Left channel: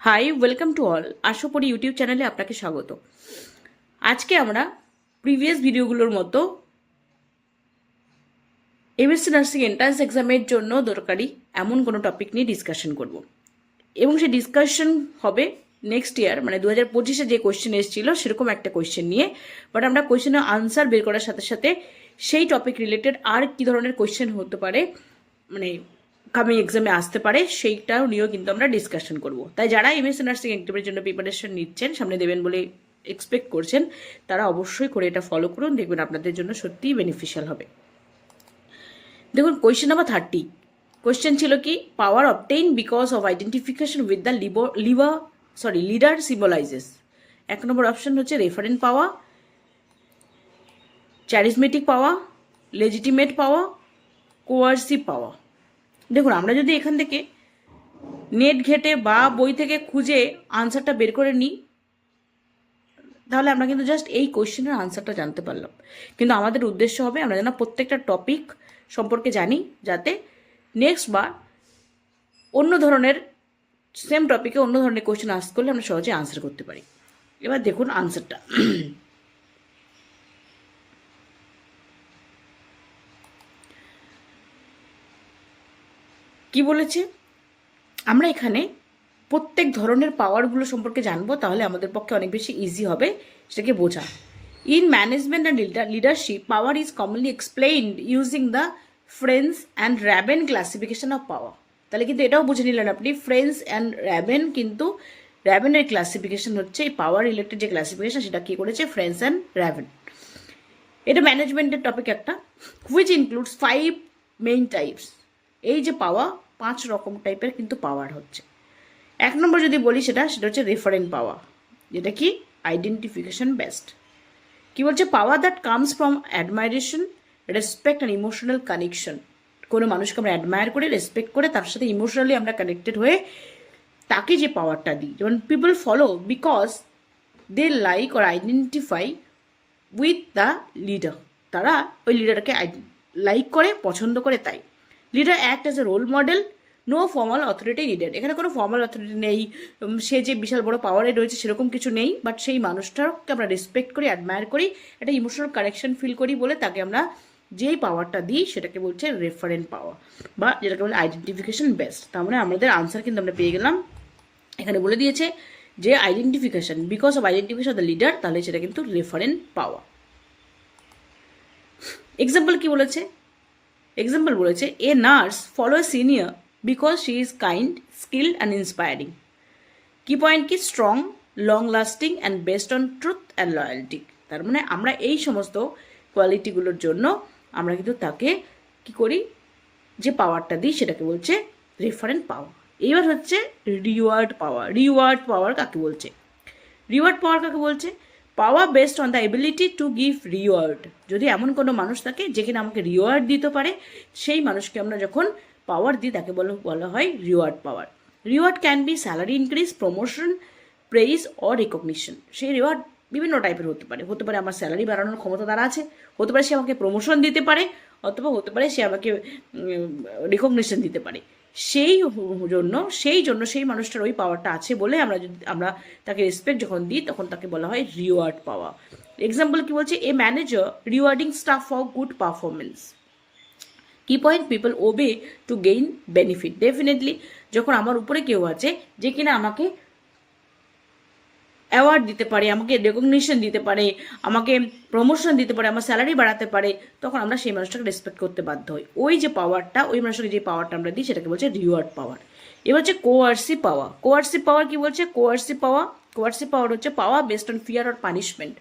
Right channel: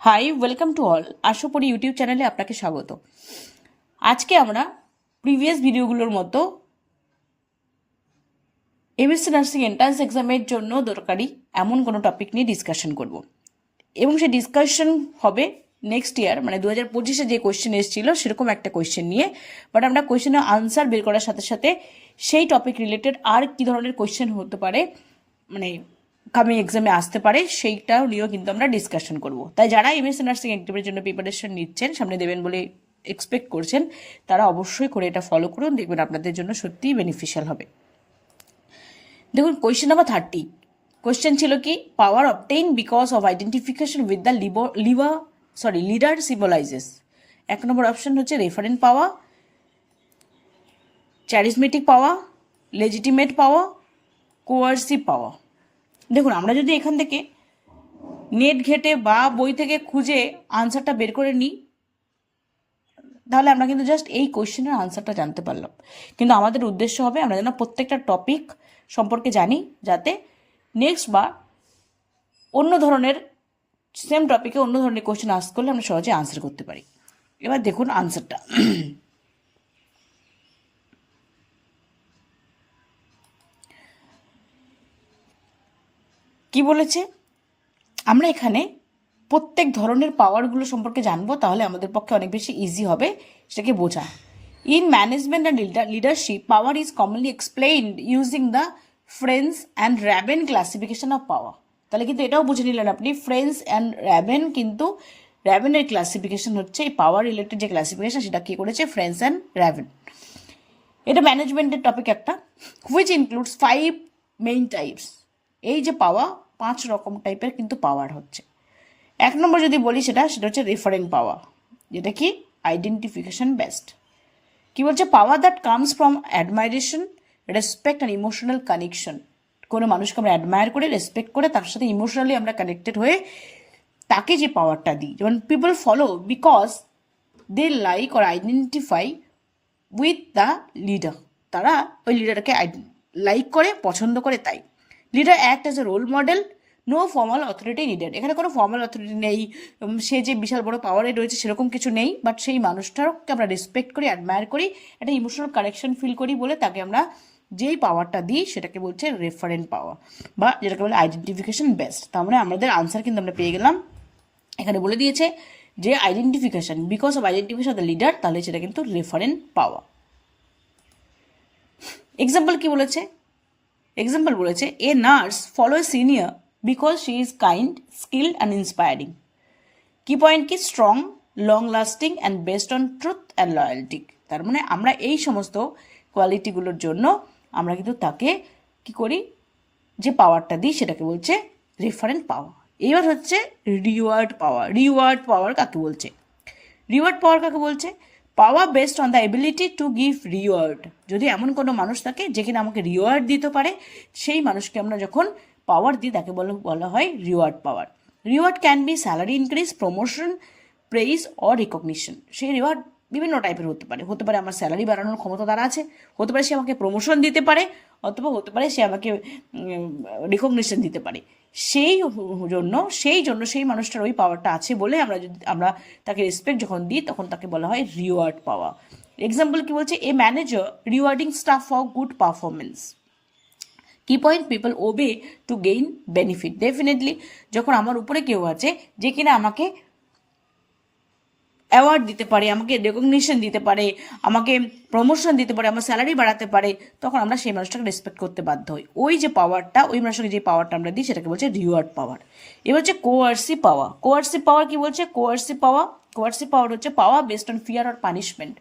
High, welcome to all. আশাপড়ি YouTube চ্যানেলে আপনাকে স্বাগত। আজকে আমরা প্রিভিয়াস ভিডিওগুলোর মতো এমএসসি নার্সিং এন্ট্রান্স এক্সামের জন্য দরকারি এমন কোনো টপিক নিয়ে ডিসকাশন করব, এবং সেই ডিসকাশন হবে নেক্সট ইয়ার মানে 2025-এ যে কোয়েশ্চেন এসেছিল সেরকম একটা কোয়েশ্চেন নিয়ে। বাট আমরা কোয়েশ্চেনের আনসার বের করার সাথে সাথে সেই টপিক রিলেটেড আর কী ধরনের কোয়েশ্চেন হতে পারে, মানে কামিং এক্সামে আসতে পারে, সেইটাও নিয়েও কিন্তু আমরা ডিসকাশন করব। তাই যারা এমএসসি নার্সিং এক্সামের জন্য প্রিপারেশন নিচ্ছেন, সামনে দেবেন বলে এক্সপেক্ট করছেন, তারা অবশ্যই করে এটা ফলো করুন, দেখবেন আপনাদের জন্য সত্যিই বেনিফিশিয়াল হবে। দেখুন, কোয়েশ্চেন নাম্বার 30 কোয়েশ্চেন ছিল কি, power obtain because of identification with the leader symbolises. এক নম্বর অপশন হচ্ছে referent power, charismatic power, legitimate power, coercive power. দেখুন, আমরা যদি এখান থেকে নেট ঘেটে বা বই থেকে খুঁজে আনসারটা বের করে নিই, তাহলে আমরা কিন্তু জাস্ট এই কোয়েশ্চেনের আনসারটা জানতে পারলাম। কিন্তু আমাদের উদ্দেশ্য হবে আমরা যেন প্রত্যেকটা টপিক সম্পর্কে জানি, যাতে নেক্সট বার অন্য ধরনের সেম টপিকে অন্য ধরনের কোয়েশ্চেন আস্ক করলে আমরা সহজে আনসার করতে পারি। এবার দেখুন আনসারটা। কি বলেছে, আমরা এখানে প্রত্যেক ধরনের পাওয়ারগুলো সম্পর্কে জানবো, তাহলে আমাদের পক্ষে অনেক বেশি ইজি হবে সেটাকে বোঝা। In management and leadership, power is commonly explained using the French and Raven classification of power. তাহলে কিন্তু এটাও বুঝে নিলেন আপনি, ফ্রেন্স অ্যান্ড র্যাবেন, কিন্তু র্যাবেনের ক্লাসিফিকেশন হচ্ছে এই পাওয়ার রিলেটেড যে ক্লাসিফিকেশন, সেটা কী করেছে ফ্রেন্স অ্যান্ড র্যাবেন। এটা ম্যানেজমেন্টের টপিক একটা, হুইচ ইনক্লুডস 5 মেইন টাইপস। এই যে পাওয়ার, 5 রকম টাইপের কিন্তু পাওয়ার হচ্ছে। এক নম্বর যদি বলি সেটা হচ্ছে রেফারেন্ট পাওয়ার, যেটা কি আইডেন্টিফিকেশন বেসড। কি বলছে, পাওয়ার that comes from অ্যাডমাইরেশন, respect and emotional connection. কোনো মানুষকে আমরা অ্যাডমায়ার করে, রেসপেক্ট করে, তার সাথে ইমোশনালি আমরা কানেক্টেড হয়ে তাকে যে পাওয়ারটা দিই। যেমন people follow because they like or identify with the leader. তারা ওই লিডারকে লাইক করে, পছন্দ করে, তাই। Leader act as a role model, no formal authority needed. এখানে কোনো ফর্মাল অথরিটি নেই, সে যে বিশাল বড় পাওয়ারে রয়েছে সেরকম কিছু নেই, বাট সেই মানুষটাকে আমরা রেসপেক্ট করি, অ্যাডমায়ার করি, একটা ইমোশনাল কানেকশন ফিল করি বলে তাকে আমরা যেই পাওয়ারটা দিই সেটাকে বলছে রেফারেন্ট পাওয়ার, বা যেটাকে বলে আইডেন্টিফিকেশন বেসড। তার মানে আমাদের আনসার কিন্তু আমরা পেয়ে গেলাম। এখানে বলে দিয়েছে যে identification, because of identification of the leader, তাহলে সেটা কিন্তু রেফারেন্ট পাওয়ার। এক্সাম্পল কি বলেছে, এক্সাম্পল বলেছে, a nurse follow a senior because she is kind, skilled and inspiring. কি পয়েন্ট কি, strong, long lasting and based on truth and loyalty. তার মানে আমরা এই সমস্ত কোয়ালিটিগুলোর জন্য আমরা কিন্তু তাকে কি করি, যে পাওয়ারটা দিই সেটাকে বলছে রেফারেন্ট পাওয়ার। এবার হচ্ছে রিওয়ার্ড পাওয়ার। রিওয়ার্ড পাওয়ার কাকে বলছে, রিওয়ার্ড পাওয়ার কাকে বলছে, power based on the ability to give reward. যদি এমন কোনো মানুষ থাকে যে কিনা আমাকে রিওয়ার্ড দিতে পারে, সেই মানুষকে আমরা যখন পাওয়ার দিই তাকে বলা হয় reward power. Reward can be salary increase, promotion, praise or recognition. সেই রিওয়ার্ড বিভিন্ন টাইপের হতে পারে আমার স্যালারি বাড়ানোর ক্ষমতা তারা আছে, হতে পারে সে আমাকে প্রমোশন দিতে পারে, অথবা হতে পারে সে আমাকে রিকগনিশন দিতে পারে। সেই জন্য সেই মানুষটার ওই পাওয়ারটা আছে বলে আমরা তাকে রেসপেক্ট যখন দিই তখন তাকে বলা হয় রিওয়ার্ড পাওয়া। এক্সাম্পল কি বলছে, a manager rewarding staff for good performance. Key point, people obey to gain benefit. Definitely যখন আমার উপরে কেউ আছে যে কিনা আমাকে অ্যাওয়ার্ড দিতে পারে, আমাকে রেকগনিশন দিতে পারে, আমাকে প্রমোশন দিতে পারে, আমার স্যালারি বাড়াতে পারে, তখন আমরা সেই মানুষটাকে রেসপেক্ট করতে বাধ্য হই। ওই যে পাওয়ারটা, ওই মানুষটাকে যে পাওয়ারটা আমরা দিই সেটাকে বলছে রিওয়ার্ড পাওয়ার। এবার হচ্ছে কোয়ার্সিভ পাওয়ার। কোয়ার্সিভ পাওয়ার কি বলছে, কোয়ার্সিভ পাওয়ার হচ্ছে power based on fear or punishment.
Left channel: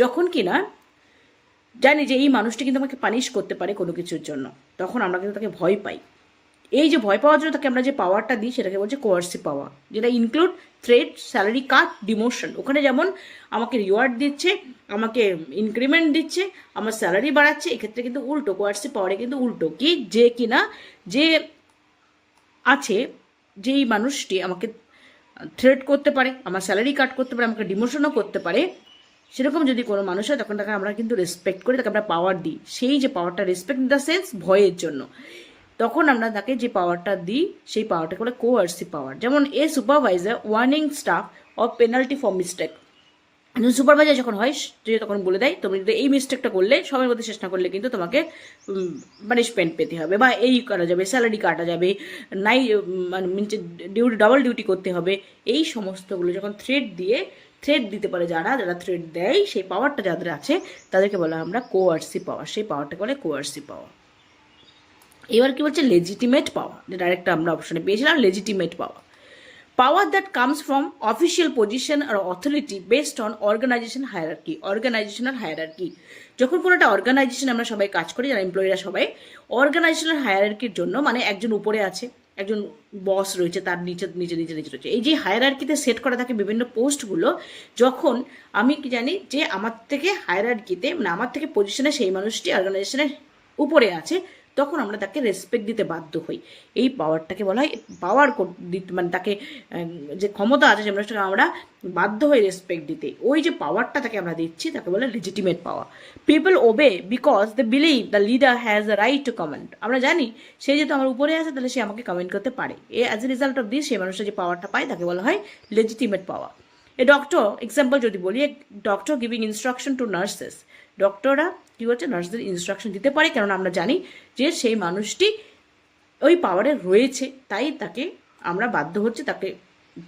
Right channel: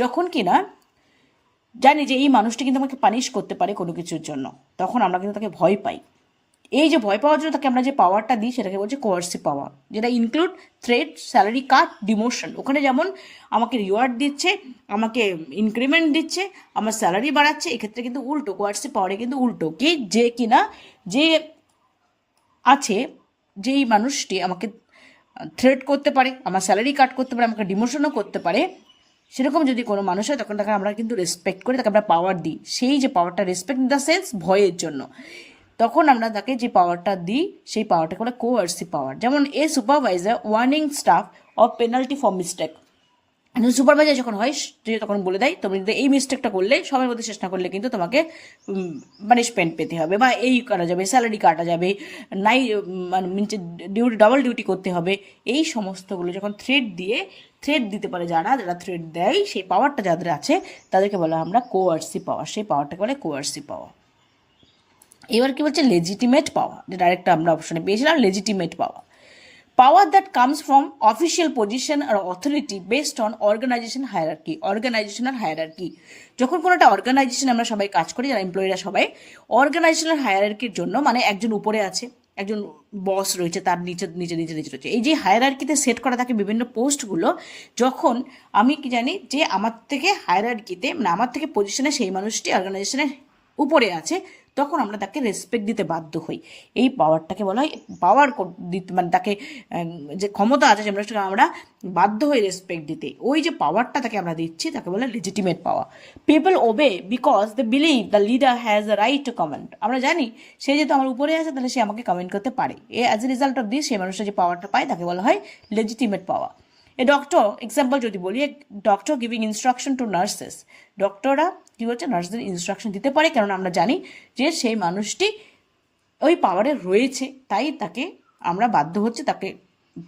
যখন কিনা জানি যে এই মানুষটি কিন্তু আমাকে পানিশ করতে পারে কোনো কিছুর জন্য, তখন আমরা কিন্তু তাকে ভয় পাই। এই যে ভয় পাওয়ার জন্য তাকে আমরা যে পাওয়ারটা দিই সেটাকে বলছে কোয়ার্সিভ পাওয়ার, যেটা ইনক্লুড থ্রেট, স্যালারি কাট, ডিমোশন। ওখানে যেমন আমাকে রিওয়ার্ড দিচ্ছে, আমাকে ইনক্রিমেন্ট দিচ্ছে, আমার স্যালারি বাড়াচ্ছে, এক্ষেত্রে কিন্তু উল্টো, কোয়ার্সিভ পাওয়ারে কিন্তু উল্টো, কি যে কিনা যে আছে, যেই মানুষটি আমাকে থ্রেট করতে পারে, আমার স্যালারি কাট করতে পারে, আমাকে ডিমোশনও করতে পারে, সেরকম যদি কোনো মানুষ হয় তখন তাকে আমরা কিন্তু রেসপেক্ট করে তাকে আমরা পাওয়ার দিই। সেই যে পাওয়ারটা, রেসপেক্ট ইন দ্য সেন্স ভয়ের জন্য। তখন আমরা তাকে যে পাওয়ারটা দিই সেই পাওয়ারটাকে বলে কোয়ার্সিভ পাওয়ার। যেমন a supervisor warning staff of penalty for mistake. Supervisor যখন হয় যে তখন বলে দেয় তুমি যদি এই মিস্টেকটা করলে সময়ের মধ্যে শেষ না করলে কিন্তু তোমাকে পানিশমেন্ট পেতে হবে, বা এই করা যাবে, স্যালারি কাটা যাবে, নাই মানে ডিউটি ডাবল ডিউটি করতে হবে। এই সমস্তগুলো যখন থ্রেড দিতে পারে যারা থ্রেড দেয়, সেই পাওয়ারটা যাদের আছে তাদেরকে বলা আমরা কোয়ার্সিভ পাওয়ার। সেই পাওয়ারটাকে বলে কোয়ার্সিভ পাওয়ার। এবার কি বলছে লেজিটিমেট পাওয়ার, যেটা আরেকটা আমরা অপশনে পেয়েছিলাম, legitimate power. Power that comes from official position or authority based on organizational hierarchy. যখন কোনো একটা অর্গানাইজেশন আমরা সবাই কাজ করি, যারা এমপ্লয়িরা সবাই অর্গানাইজেশনাল হায়ারার্কির জন্য, মানে একজন উপরে আছে, একজন বস রয়েছে, তার নিচে রয়েছে, এই যে হায়ারার্কিতে সেট করা থাকে বিভিন্ন পোস্টগুলো, যখন আমি কি জানি যে আমার থেকে হায়ারার্কিতে মানে আমার থেকে পজিশনে সেই মানুষটি অর্গানাইজেশনের উপরে আছে, তখন আমরা তাকে রেসপেক্ট দিতে বাধ্য হই। এই পাওয়ারটাকে বলা হয় পাওয়ার দিতে, মানে তাকে যে ক্ষমতা আছে সেটা আমরা বাধ্য হই রেসপেক্ট দিতে। ওই যে পাওয়ারটা তাকে আমরা দিচ্ছি তাকে বলে legitimate power. People obey because they believe the leader has the right to comment. আমরা জানি সে যেহেতু আমার উপরে আছে তাহলে সে আমাকে কমেন্ট করতে পারে। As a result of this সেই মানুষটা যে পাওয়ারটা পায় তাকে বলা হয় legitimate power. A doctor, example যদি বলি, doctor giving instruction to nurses. ডক্টররা কী হচ্ছে, নার্সদের ইনস্ট্রাকশন দিতে পারে, কেননা আমরা জানি যে সেই মানুষটি ওই পাওয়ারে রয়েছে, তাই তাকে আমরা বাধ্য হচ্ছে তাকে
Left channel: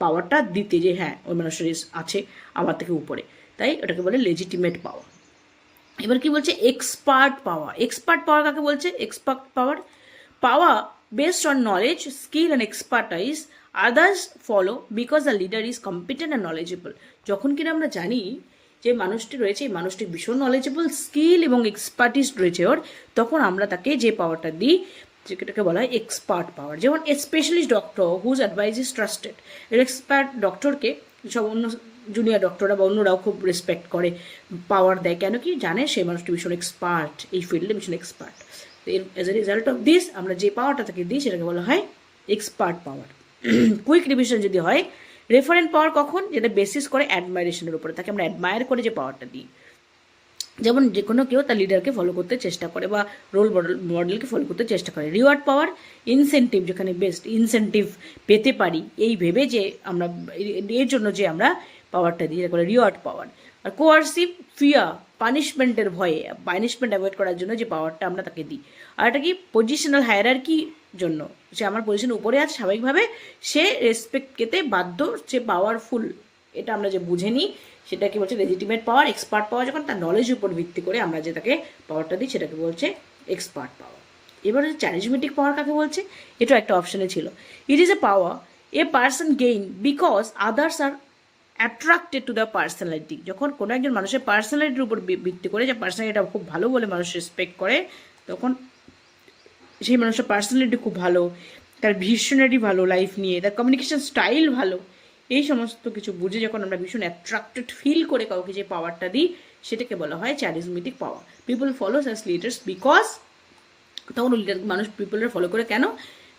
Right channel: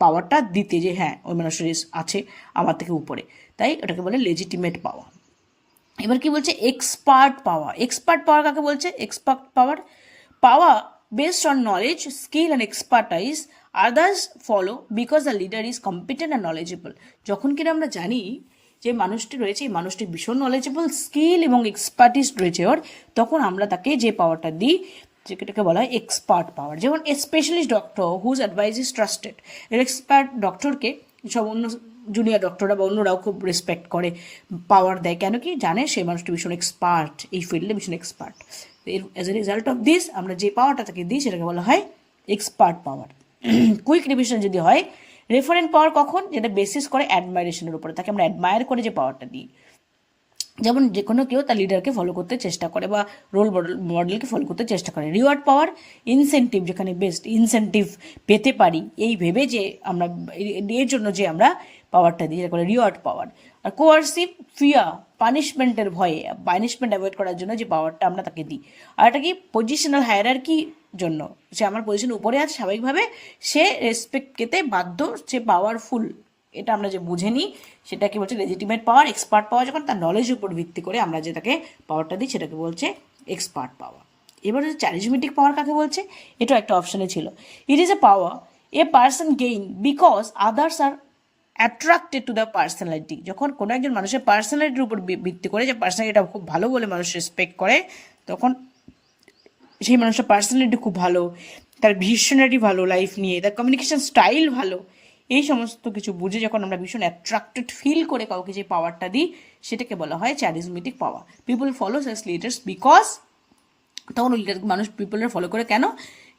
পাওয়ারটা দিতে, যে হ্যাঁ ওই মানুষের আছে আমার থেকে উপরে, তাই ওটাকে বলে লেজিটিমেট পাওয়ার। এবার কি বলছে, এক্সপার্ট পাওয়ার। এক্সপার্ট পাওয়ার কাকে বলছে? Expert power based on knowledge, skill and expertise others follow because the leader is competent and knowledgeable. যখন কিনা আমরা জানি যে মানুষটি রয়েছে, এই মানুষটি ভীষণ নলেজেবল, স্কিল এবং এক্সপার্টিস রয়েছে ওর, তখন আমরা তাকে যে পাওয়ারটা দিই যেটাকে বলা হয় এক্সপার্ট পাওয়ার। যেমন a specialist doctor whose advice is trusted. Expert ডক্টরকে সব অন্য জুনিয়র ডক্টররা বা অন্যরাও খুব রেসপেক্ট করে, পাওয়ার দেয়, কেন কি জানে সেই মানুষটি ভীষণ এক্সপার্ট, এই ফিল্ডে ভীষণ এক্সপার্ট। এর as a result of this আমরা যে পাওয়ারটা তাকে দিই সেটাকে বলা হয় এক্সপার্ট পাওয়ার। কুইক রিভিশন যদি হয়, রেফারেন্ট পাওয়ার কখন, যেটা বেসিস করে অ্যাডমাইরেশনের উপরে, তাকে আমরা অ্যাডমায়ার করে যে পাওয়ারটা দিই। যেমন যে কোনো কেউ তার লিডারকে ফলো করতে চেষ্টা করে বা রোল মডেলকে ফলো করতে চেষ্টা করে। রিওয়ার্ড পাওয়ার, ইনসেন্টিভ, যেখানে বেস্ট ইনসেন্টিভ পেতে পারি এই ভেবে যে আমরা এর জন্য যে আমরা পাওয়ারটা দিই, যেটা করে রিওয়ার্ড পাওয়ার। আর কোয়ার্সিভ, ফিয়ার, পানিশমেন্টের ভয়ে, পানিশমেন্ট অ্যাভয়েড করার জন্য যে পাওয়ারটা আমরা তাকে দিই। আর এটা কি পজিশনাল হায়ারার্কির জন্য, সে আমার পজিশন উপরে আছে, স্বাভাবিকভাবে সে রেসপেক্ট পেতে বাধ্য, সে পাওয়ারফুল, এটা আমরা যে বুঝে নিই সেটাকে বলছে লেজিটিমেট পাওয়ার। এক্সপার্ট পাওয়ার যখন তার নলেজের উপর ভিত্তি করে আমরা যে তাকে পাওয়ারটা দিই সেটাকে বলছে এক্সপার্ট পাওয়ার। এবার হচ্ছে চ্যারিজমেটিক পাওয়ার কাকে বলছে, এটা একটা অপশানে ছিল। It is a power a person gain because others R attracted to the personality. যখন কোনো একজন মানুষের পার্সোনালিটির উপর ভিত্তি করে, যে পার্সোনালিটিটা খুব ভালো বলে মানুষ রেসপেক্ট করে, তখন সেই মানুষটার পার্সোনালিটি খুব ভালো, তার ভিশনারি ভালো লাইফ নিয়ে, তার কমিউনিকেশন স্টাইল ভালো, এই সমস্ত কিছু বুঝে যখন আমরা ভীষণ অ্যাট্রাক্টেড ফিল করে কাউকে যে পাওয়ারটা দিই সেটাকে বলা হয় charismatic power. People follows as leaders because, তখন লিডার মানুষ পিপলরা ফলো করে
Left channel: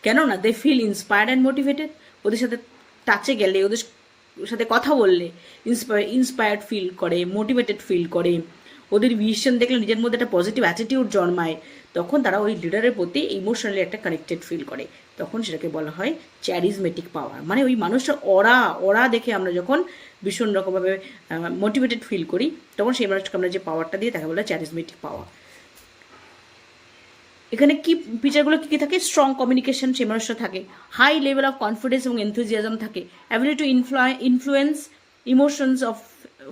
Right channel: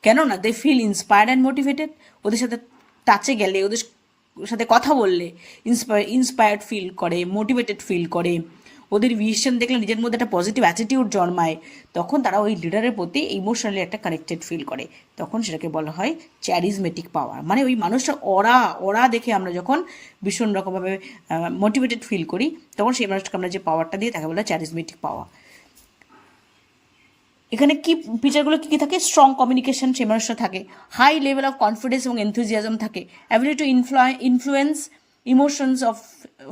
কেননা they feel inspired and motivated. ওদের সাথে টাচে গেলে, ওদের সাথে কথা বললে ইন্সপায়ার্ড ফিল করে, মোটিভেটেড ফিল করে, ওদের ভিশন দেখলে নিজের মধ্যে একটা পজিটিভ অ্যাটিটিউড জন্মায়, তখন তারা ওই লিডারের প্রতি ইমোশনালি একটা কানেক্টেড ফিল করে, তখন সেটাকে বলা হয় চ্যারিজমেটিক পাওয়ার। মানে ওই মানুষটার ওরা দেখে আমরা যখন ভীষণ রকমভাবে মোটিভেটেড ফিল করি, তখন সেই মানুষটাকে আমরা যে পাওয়ারটা দিই তাকে বলা হয় চ্যারিজমেটিক পাওয়ার। এখানে কি ফিচারগুলো কী কী থাকে, স্ট্রং কমিউনিকেশন সেই মানুষটা থাকে, হাই লেভেল অফ কনফিডেন্স এবং এনথুজিয়াজম থাকে, ability to influence emotions of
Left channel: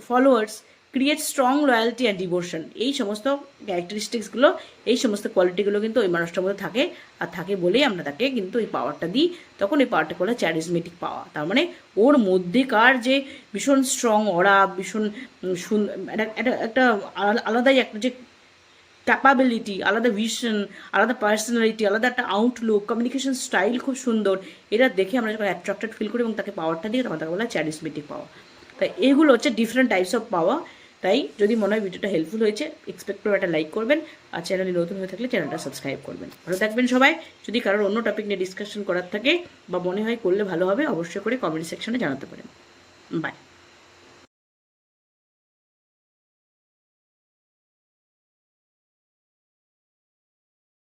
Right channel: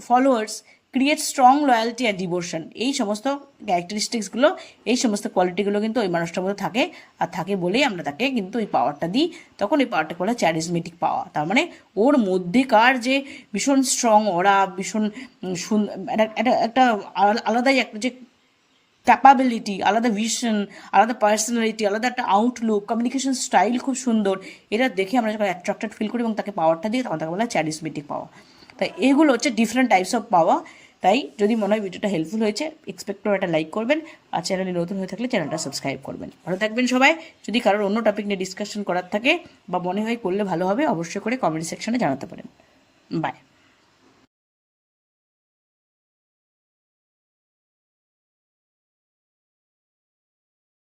followers, create strong loyalty and devotion. এই সমস্ত ক্যারেক্টারিস্টিক্সগুলো, এই সমস্ত কোয়ালিটিগুলো কিন্তু ওই মানুষটার মধ্যে থাকে, আর থাকে বলেই আমরা তাকে কিন্তু ওই পাওয়ারটা দিই, তখন এই পাওয়ারটাকে বলা চ্যারিজমেটিক পাওয়ার। তার মানে ওর মধ্যেকার যে ভীষণ স্ট্রং ওরা, ভীষণ একটা আলাদাই একটা যে ক্যাপাবিলিটি, আলাদা ভিশন, আলাদা পার্সোনালিটি, আলাদা একটা আউটলুক, কমিউনিকেশন স্টাইল খুব সুন্দর, এটা দেখে আমরা যখন অ্যাট্রাক্টেড ফিল করি এবং তাকে পাওয়ারটা দিই, তখন তাকে বলা চ্যারিজমেটিক পাওয়ার। তাই এগুলো হচ্ছে ডিফারেন্ট টাইপস অফ পাওয়ার। তাই যদি মনে হয় ভিডিওটা হেল্পফুল হয়েছে, এক্সপেক্ট করে একটা লাইক করবেন, আর চ্যানেলে নতুন হয়ে থাকলে চ্যানেলটা সাবস্ক্রাইব করবেন। ভালো থাকবেন সবাই। যদি কারোর অন্য টপিক নিয়ে ডিসকাশন করার থাকে বা মনে হয় করলে ভালো হবে, অবশ্যই করে কমেন্ট সেকশনে জানাতে পারেন। বাই।